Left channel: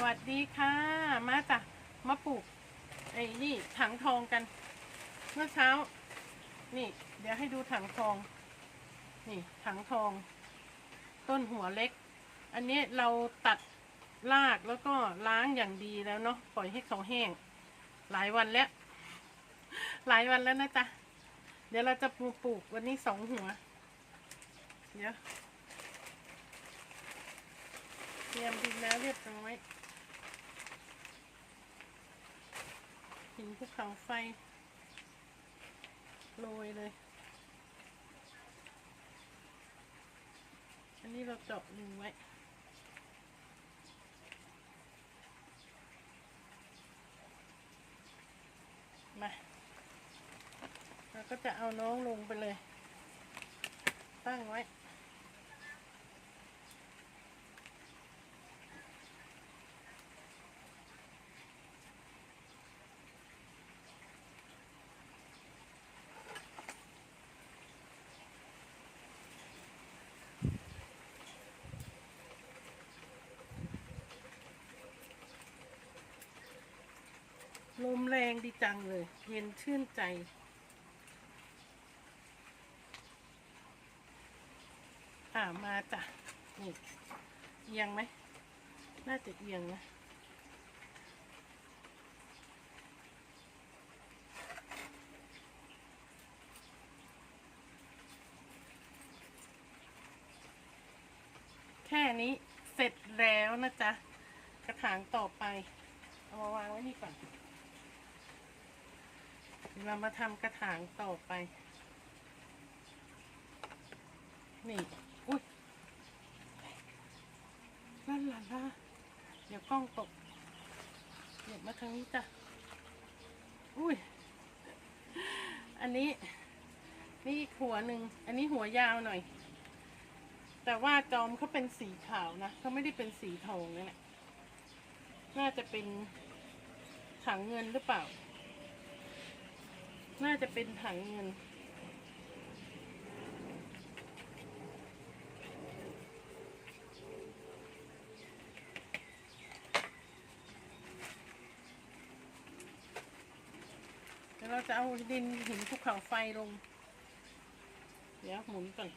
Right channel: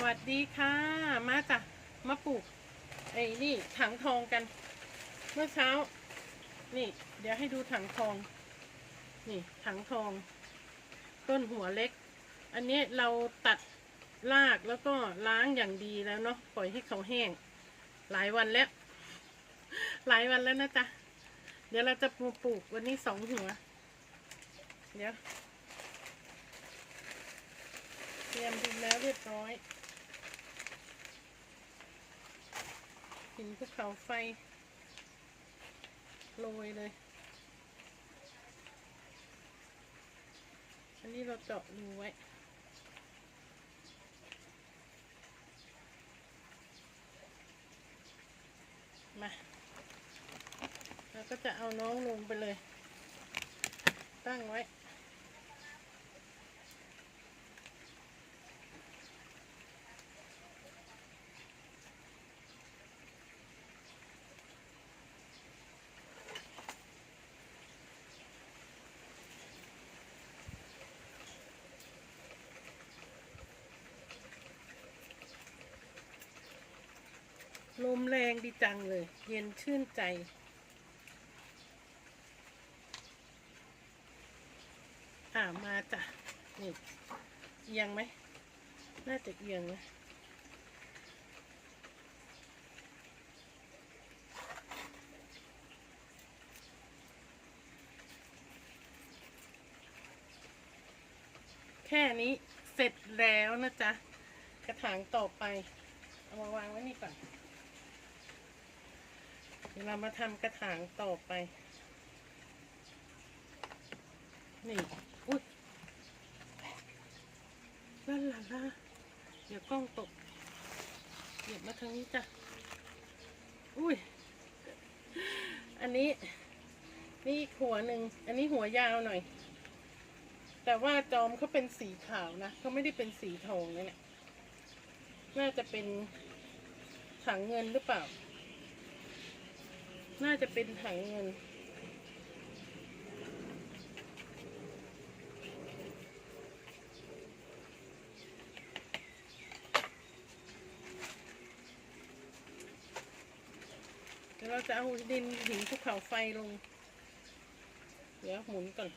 วัสดีค่ะ มาจ้ะมาปลูกไอ้นี่ถังทองกัน เมื่อเช้า นี่ เดี๋ยวให้ดูถังทอง นี่ถังทอง ต้นหัวเล็ก อันนี้เราตัดรากแล้วก็ล้างอย่างดีแล้วเนาะปล่อยให้เขาแห้ง หลายวันแล้ว หลายวันแล้วนะจ๊ะ เดี๋ยวเราจะปลูกปลูกวันนี้สองหัว เดี๋ยว เตรียมดินแล้วเรียบร้อยหินภูเขาไฟโรยเลย อันนี้เราเจาะรูไว้มาเราก็จะเอาน้องลงไปเลย ตั้งไว้ ลมแรงดีจังเลย เย็นชื่นใจ อ่ามาจ้ะนี่เอียงไหม น่าจะเอียงนะแค่นี้เสร็จแล้วนะจ๊ะ กระถางต่อไป เอามาวางไว้นี่ก่อน เรามาทำกระถางต่อไป นี่ อุ้ยนั่นล่ะล่ะเดี๋ยวกล้องตกเดี๋ยวมาทางนี้จ้ะ อุ้ย อันนี้ นี่อีกหัวหนึ่ง อันนี้หัวยาวหน่อย แต่ว่าจอมเขาเป็นสีขาวนะเขาไม่ได้เป็นสีทองเลยน่าจะเป็นถังเงินหรือเปล่า น่าจะเป็นถังเงิน เราจะเอาดินหินภูเขาไฟลง เดี๋ยวหมุนก่อน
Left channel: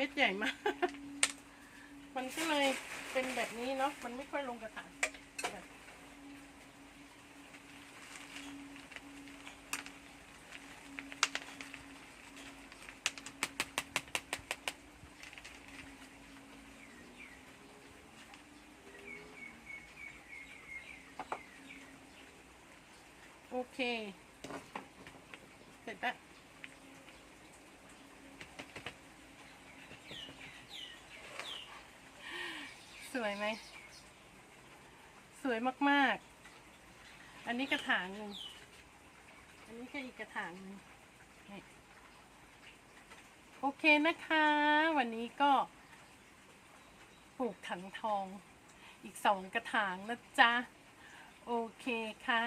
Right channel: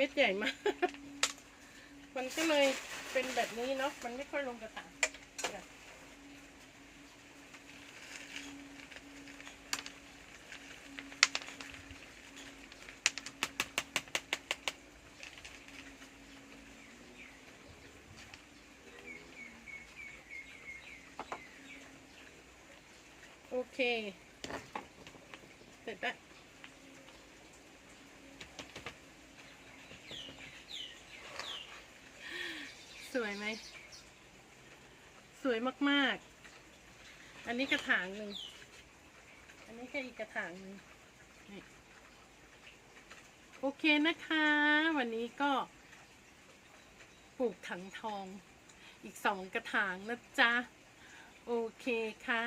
เม็ดใหญ่มาก มันก็เลยเป็นแบบนี้เนาะ มันไม่ค่อยลงกระถางโอเค เสร็จแล้ว ส วยไหม สวยมากๆ อันนี้กระถางหนึ่ง อันนี้ก็อีกกระถางหนึ่งโอเคนะคะ วันนี้ก็ปลูกถังทอง อีกสองกระถางนะจ๊ะ โอเคค่ะ